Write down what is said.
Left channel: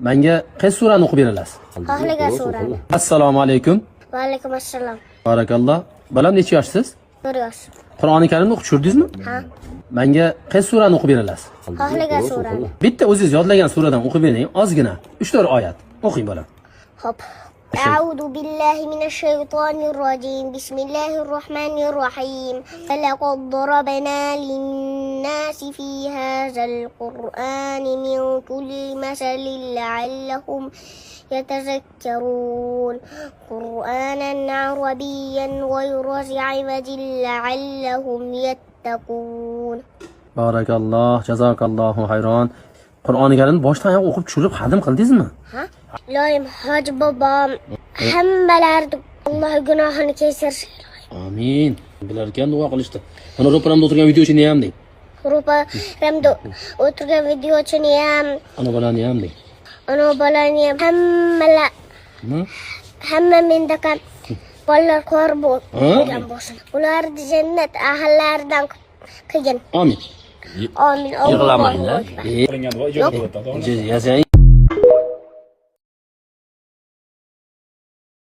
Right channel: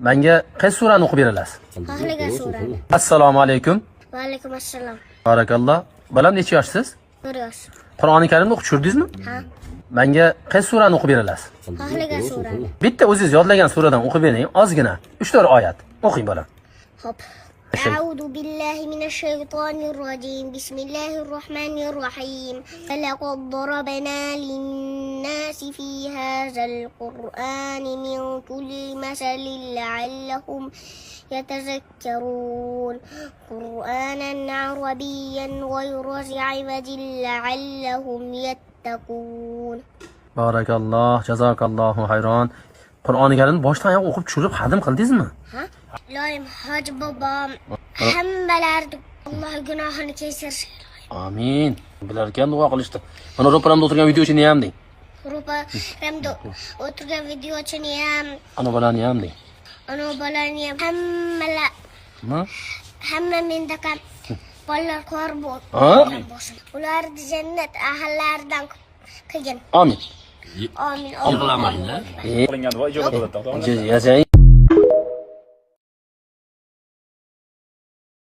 Menga qaysi surani o'qib berasiz? Xohlagan surani. Assalomu alaykum. Va alaykum assalom. Barakalloh. Balam necha yoshsiz? 1 yosh. Qur'oni Karimni o'qib tushirdingizmi? Ha. Menga qaysi surani o'qib berasiz? Xohlagan surani. Bitta o'zingiz yodlagan suradan o'qib bering, ozgina. 3-4 oyat. O'qing bolam. Hop. أعوذ بالله من الشيطان الرجيم بسم الله الرحمن الرحيم فلقد ضربنا للناس في هذا القرآن من كل مثل لعلهم يتذكرون قرآنا عربيا غير عوج لعلهم يتقون Barakalloh, jazakallohu hayron. Qur'oni Karimni boshdan oyoq o'qib tushirib xadim qildingizmi? Ha? Ilohim hoji bobom hammalarni Alloh gunohini kechirsin. Amin. Bular ekan duo qilishdi. Mana ro'paramda o'tirgan videochini ham deng. Ro'paramda o'tirgan videochini ham, Ana bolani ham deng. ana bolani ham hamma mendaka bolalar ko'r bo'lgan bo'lsin. Ularni jannat ahllaridan qilgin. Amin. Amin. Yig'lamang-da. Qilingan duo ijobat bo'ladi. Yasang.